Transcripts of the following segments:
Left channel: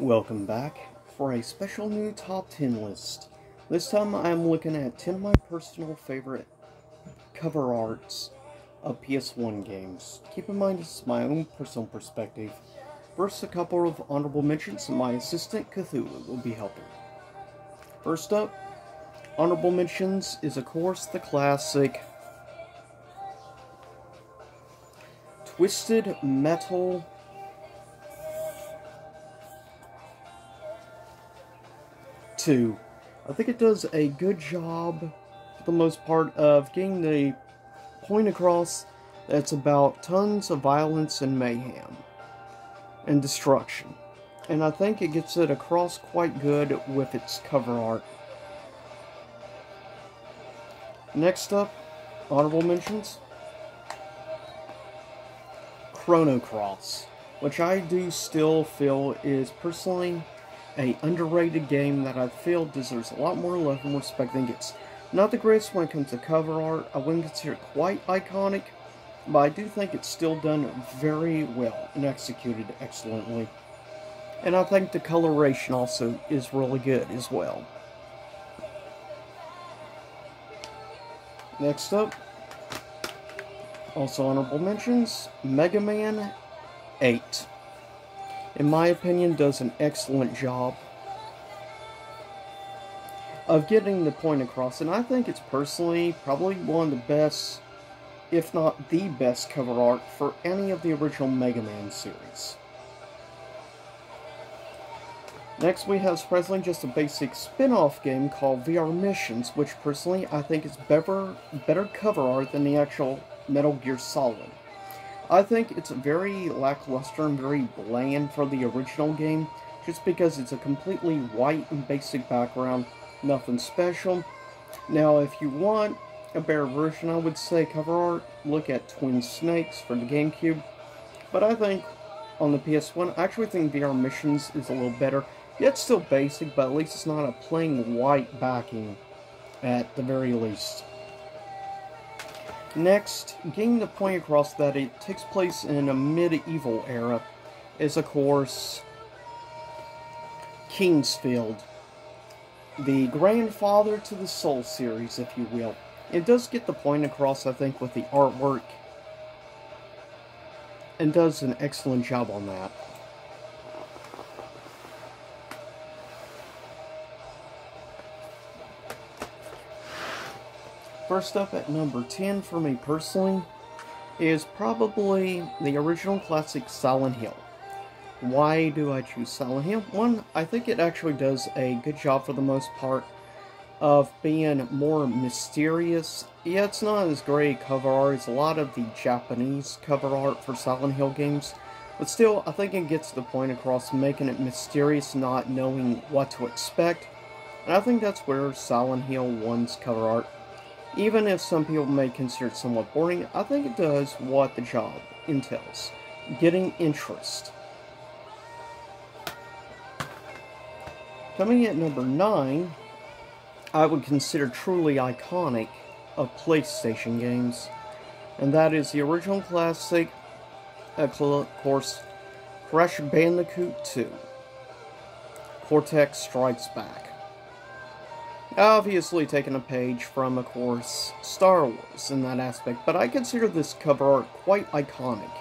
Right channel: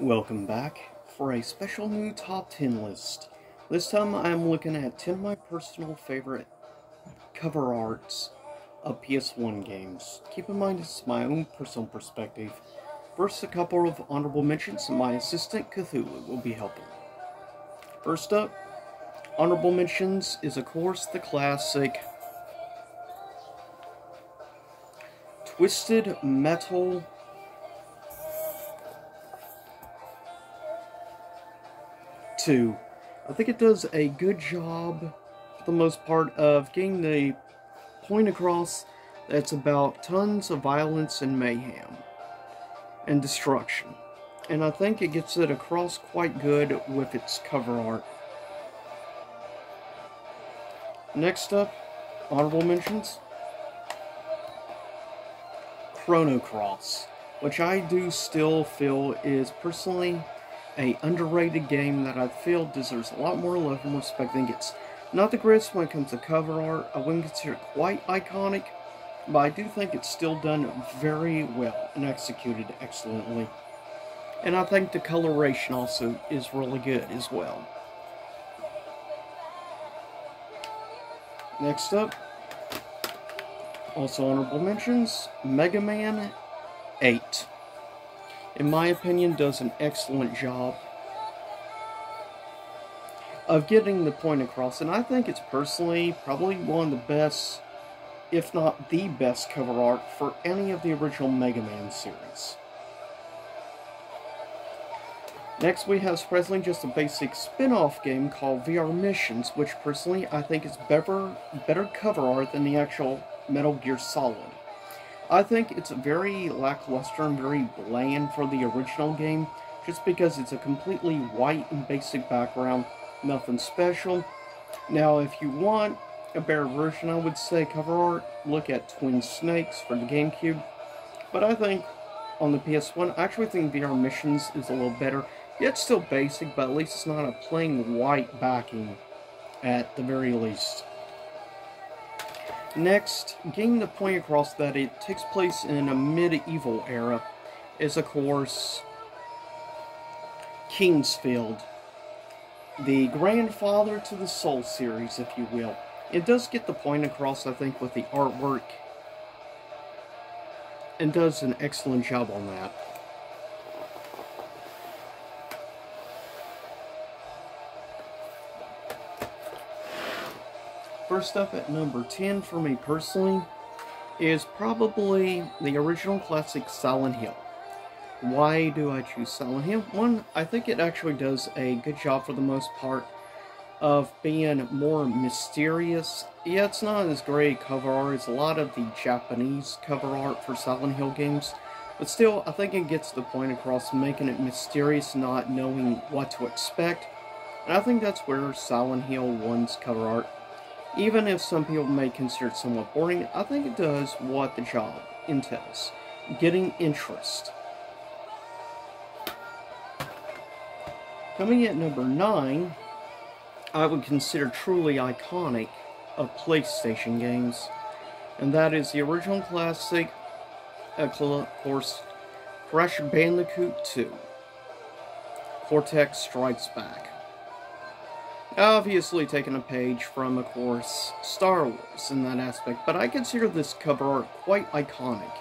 Welcome back for a special new top 10 list. This time I'm looking at 10 of my personal favorite cover arts of PS1 games. Keep in mind this is my own personal perspective. First, a couple of honorable mentions, and my assistant Cthulhu will be helping. First up, honorable mentions is of course the classic Twisted Metal 2. I think it does a good job, for the most part, of getting the point across that's about tons of violence and mayhem and destruction. And I think it gets it across quite good with its cover art. Next up, honorable mentions. Chrono, which I do still feel is personally a underrated game that I feel deserves a lot more love and more respect than it gets. Not the greatest when it comes to cover art. I wouldn't consider it quite iconic, but I do think it's still done very well and executed excellently. And I think the coloration also is really good as well. Next up, also honorable mentions, Mega Man 8. In my opinion, does an excellent job of getting the point across, and I think it's personally probably one of the best, if not the best cover art for any of the original Mega Man series. Next we have surprisingly just a basic spin-off game called VR Missions, which personally I think is better cover art than the actual Metal Gear Solid. I think it's very lackluster and very bland for the original game, just because it's a completely white and basic background, nothing special. Now, if you want a better version, I would say cover art, look at Twin Snakes for the GameCube. But I think on the PS1, I actually think VR Missions is a little better. Yeah, it's still basic, but at least it's not a plain white backing at the very least. Next, getting the point across that it takes place in a medieval era is, of course, Kingsfield, the grandfather to the Soul series, if you will. It does get the point across, I think, with the artwork, and does an excellent job on that. First up at number 10 for me personally is probably the original classic Silent Hill. Why do I choose Silent Hill? One, I think it actually does a good job for the most part of being more mysterious. Yeah, it's not as great cover art as a lot of the Japanese cover art for Silent Hill games, but still, I think it gets the point across, making it mysterious, not knowing what to expect. And I think that's where Silent Hill 1's cover art, even if some people may consider it somewhat boring, I think it does what the job entails. Getting interest. Coming at number 9, I would consider truly iconic of PlayStation games, and that is the original classic, of course, Crash Bandicoot 2. Cortex Strikes Back. Obviously taking a page from, of course, Star Wars in that aspect, but I consider this cover art quite iconic,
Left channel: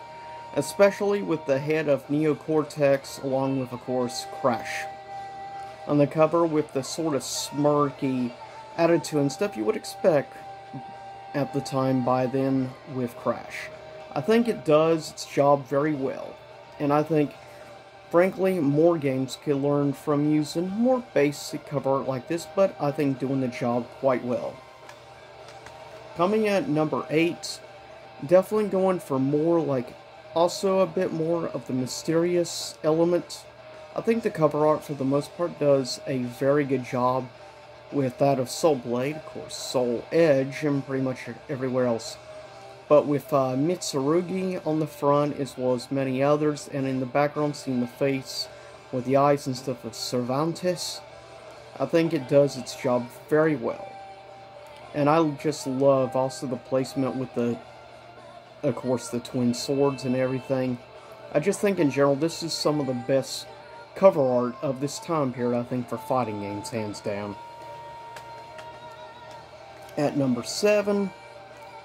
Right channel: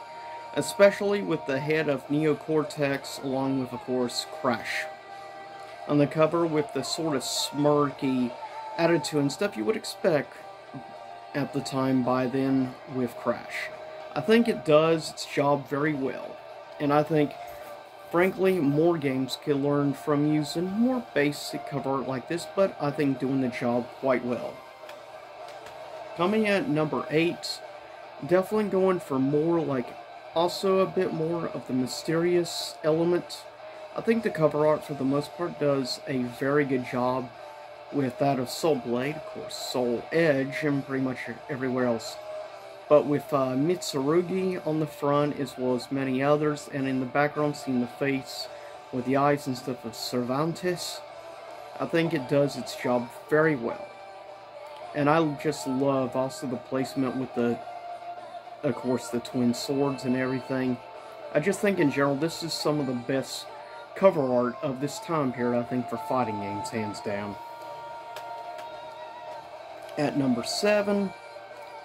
especially with the head of Neo Cortex along with, of course, Crash on the cover, with the sort of smirky attitude and stuff you would expect at the time by then with Crash. I think it does its job very well, and I think, frankly, more games could learn from using more basic cover art like this, but I think doing the job quite well. Coming at number 8, definitely going for more, like, also a bit more of the mysterious element. I think the cover art, for the most part, does a very good job with that of Soul Blade, of course, Soul Edge, and pretty much everywhere else. But with Mitsurugi on the front, as well as many others, and in the background seeing the face with the eyes and stuff of Cervantes, I think it does its job very well. And I just love also the placement with the, of course, the twin swords and everything. I just think in general this is some of the best cover art of this time period, I think, for fighting games, hands down. At number 7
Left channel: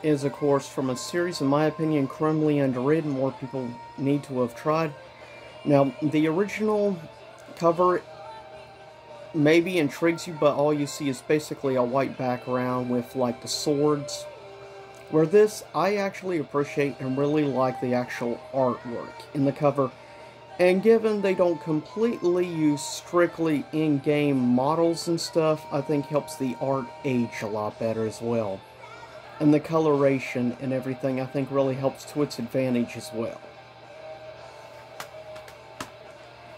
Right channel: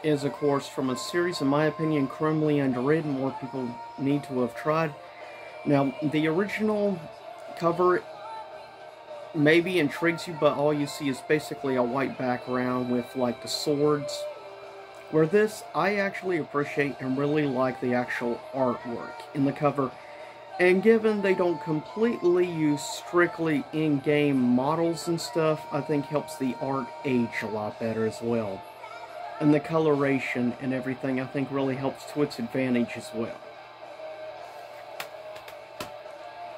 is, of course, from a series, in my opinion, criminally underrated, more people need to have tried. Now, the original cover maybe intrigues you, but all you see is basically a white background with, like, the swords. Where this, I actually appreciate and really like the actual artwork in the cover. And given they don't completely use strictly in-game models and stuff, I think helps the art age a lot better as well. And the coloration and everything, I think, really helps to its advantage as well.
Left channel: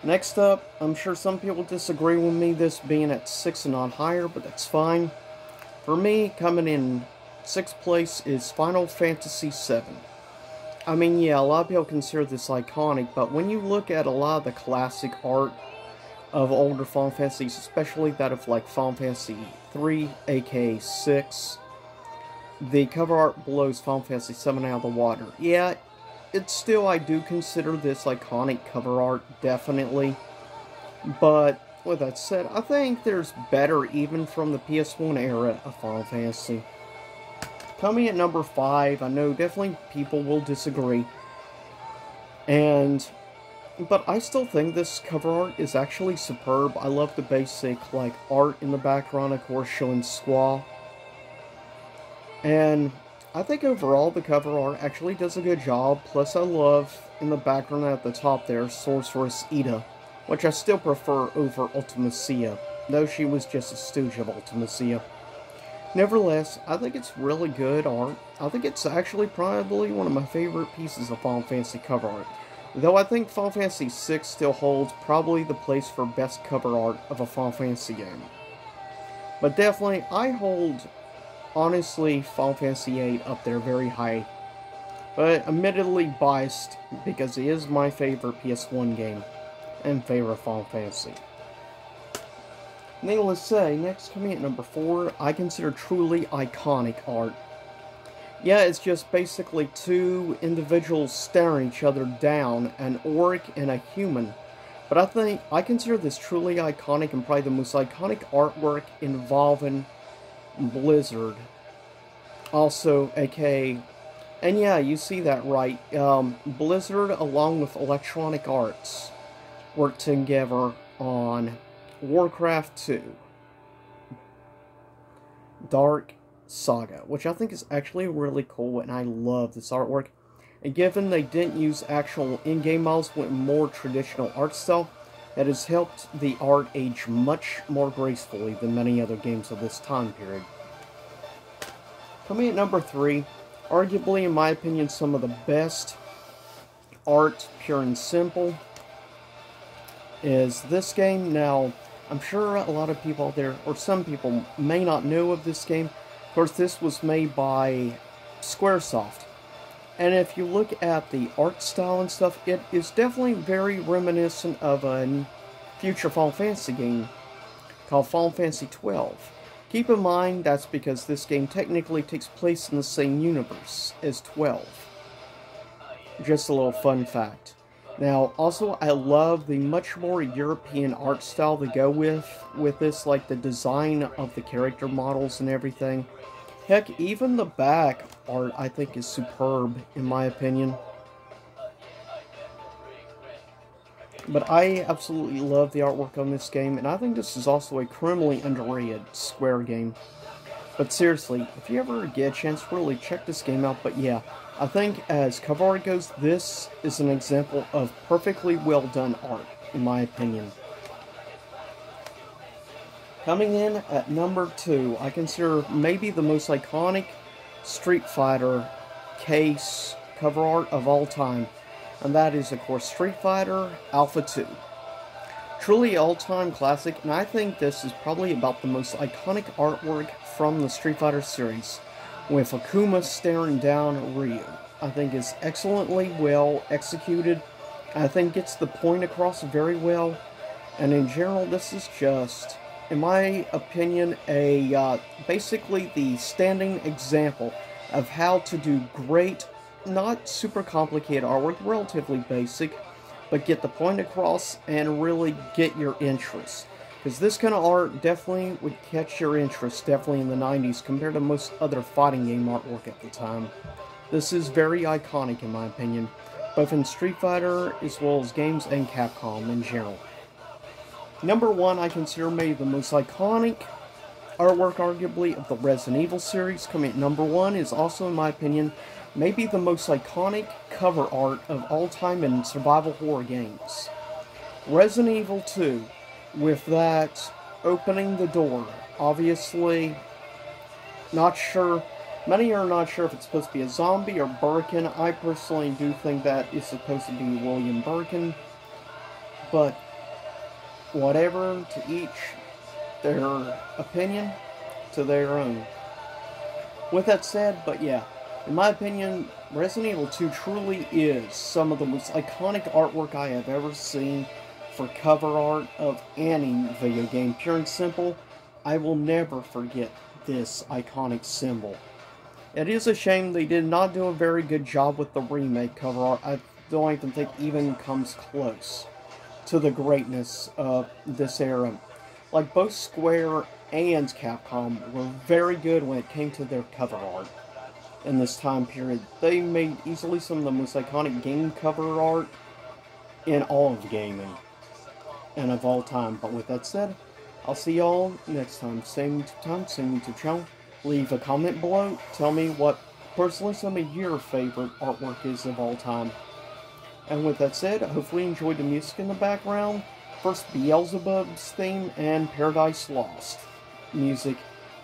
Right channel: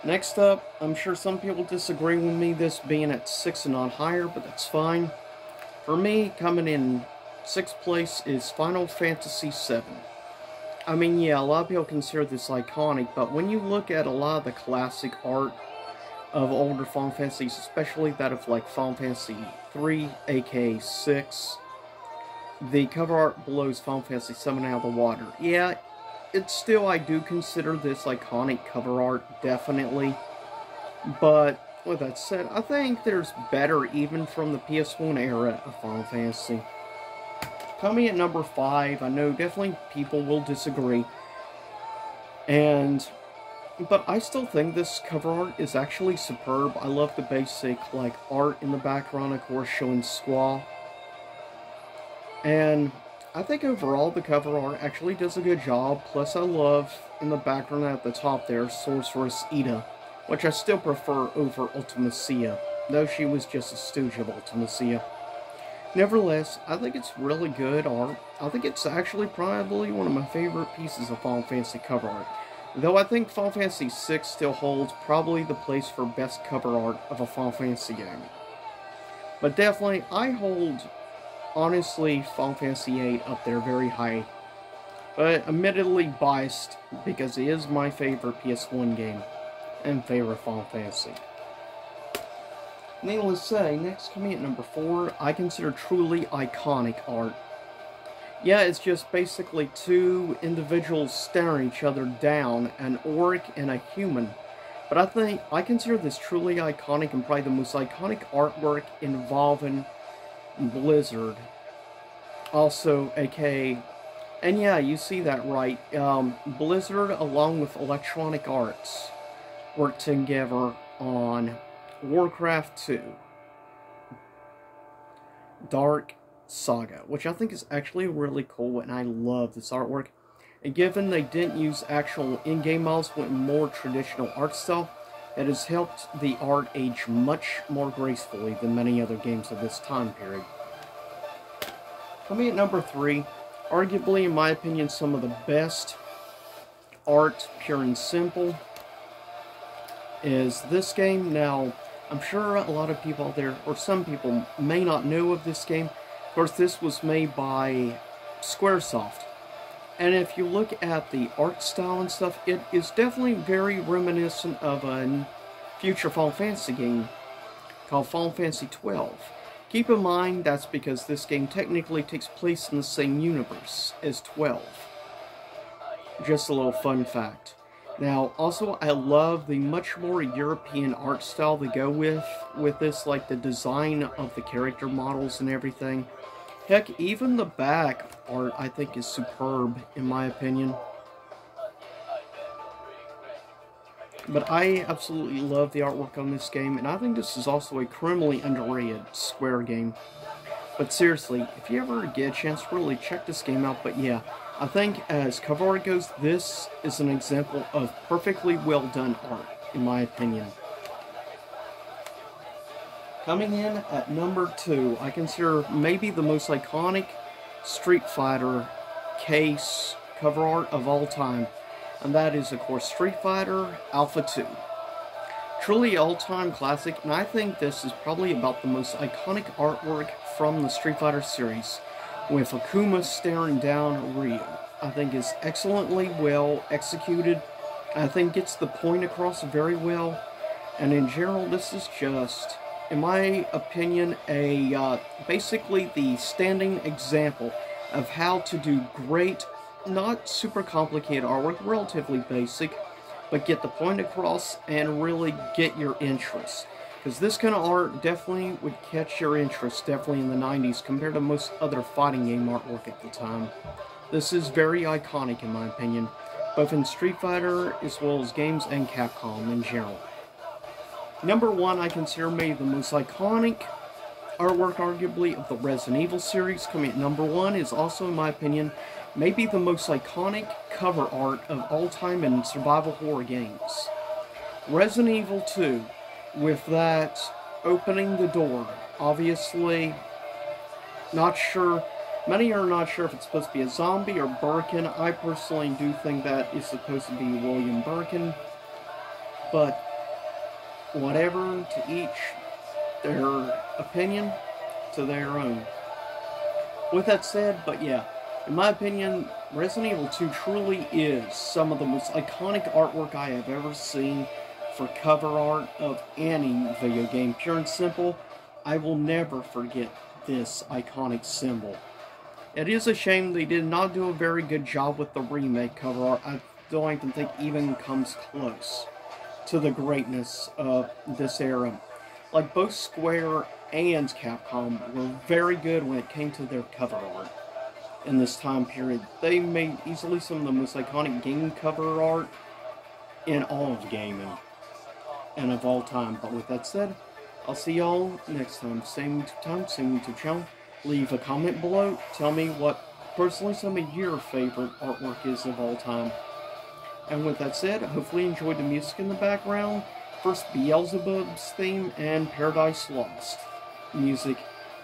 Next up, I'm sure some people disagree with me, this being at 6 and not higher, but that's fine. For me, coming in 6th place is Final Fantasy VII. I mean, yeah, a lot of people consider this iconic, but when you look at a lot of the classic art of older Final Fantasies, especially that of, like, Final Fantasy III, aka 6, the cover art blows Final Fantasy VII out of the water. Yeah, it's still, I do consider this iconic cover art, definitely. But, with that said, I think there's better even from the PS1 era of Final Fantasy. Coming at number 5, I know definitely people will disagree. But I still think this cover art is actually superb. I love the basic, like, art in the background, of course, showing Squall. And I think overall the cover art actually does a good job. Plus I love, in the background at the top there, Sorceress Ida, which I still prefer over Ultimacia, though she was just a stooge of Ultimacia. Nevertheless, I think it's really good art. I think it's actually probably one of my favorite pieces of Final Fantasy cover art. Though I think Final Fantasy VI still holds probably the place for best cover art of a Final Fantasy game. But definitely, I hold, honestly, Final Fantasy VIII up there very high. But admittedly biased, because it is my favorite PS1 game and favorite Final Fantasy. Needless to say, next coming at number 4, I consider truly iconic art. Yeah, it's just basically two individuals staring each other down, an orc and a human. But I consider this truly iconic and probably the most iconic artwork involving Blizzard. Also, aka, and yeah, you see that right, Blizzard along with Electronic Arts worked together on Warcraft 2, Dark Saga, which I think is actually really cool, and I love this artwork. And given they didn't use actual in-game models, went more traditional art style, that has helped the art age much more gracefully than many other games of this time period. Coming at number 3, arguably, in my opinion, some of the best art, pure and simple, is this game. Now, I'm sure a lot of people out there, or some people, may not know of this game. Of course, this was made by Squaresoft. And if you look at the art style and stuff, it is definitely very reminiscent of a future Final Fantasy game called Final Fantasy XII. Keep in mind, that's because this game technically takes place in the same universe as 12. Just a little fun fact. Now, also, I love the much more European art style to go with this, like the design of the character models and everything. Heck, even the back art, I think, is superb, in my opinion. But I absolutely love the artwork on this game, and I think this is also a criminally underrated Square game. But seriously, if you ever get a chance, really check this game out. But yeah, I think as cover art goes, this is an example of perfectly well done art, in my opinion. Coming in at number 2, I consider maybe the most iconic Street Fighter case cover art of all time. And that is, of course, Street Fighter Alpha 2. Truly all-time classic, and I think this is probably about the most iconic artwork from the Street Fighter series, with Akuma staring down Ryu. I think is excellently well executed. I think gets the point across very well. And in general, this is just, in my opinion, basically the standing example of how to do great, not super complicated artwork, relatively basic, but get the point across and really get your interest. Because this kind of art definitely would catch your interest, definitely in the 90s, compared to most other fighting game artwork at the time. This is very iconic in my opinion, both in Street Fighter as well as games and Capcom in general. Number 1, I consider maybe the most iconic artwork arguably of the Resident Evil series. Coming at number 1 is also, in my opinion, maybe the most iconic cover art of all time in survival horror games. Resident Evil 2, with that opening the door, obviously, not sure, many are not sure if it's supposed to be a zombie or Birkin. I personally do think that is supposed to be William Birkin, but whatever, to each their opinion, to their own. With that said, but yeah, in my opinion, Resident Evil 2 truly is some of the most iconic artwork I have ever seen for cover art of any video game. Pure and simple, I will never forget this iconic symbol. It is a shame they did not do a very good job with the remake cover art. I don't even think even comes close to the greatness of this era. Like, both Square and Capcom were very good when it came to their cover art in this time period. They made easily some of the most iconic game cover art in all of gaming and of all time. But with that said, I'll see y'all next time. Same YouTube time, same YouTube channel. Leave a comment below. Tell me what personally some of your favorite artwork is of all time. And with that said, hopefully you enjoyed the music in the background. First, Beelzebub's theme and Paradise Lost music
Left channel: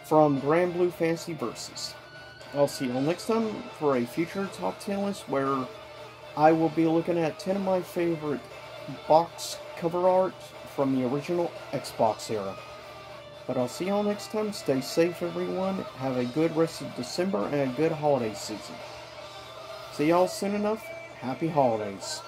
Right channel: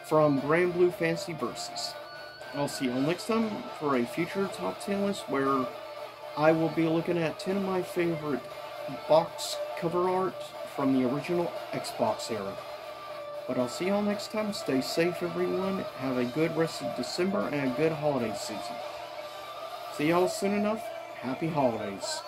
from Grand Blue Fantasy Versus. I'll see you all next time for a future top 10 list where I will be looking at 10 of my favorite box cover art from the original Xbox era. But I'll see y'all next time. Stay safe, everyone. Have a good rest of December and a good holiday season. See y'all soon enough. Happy holidays.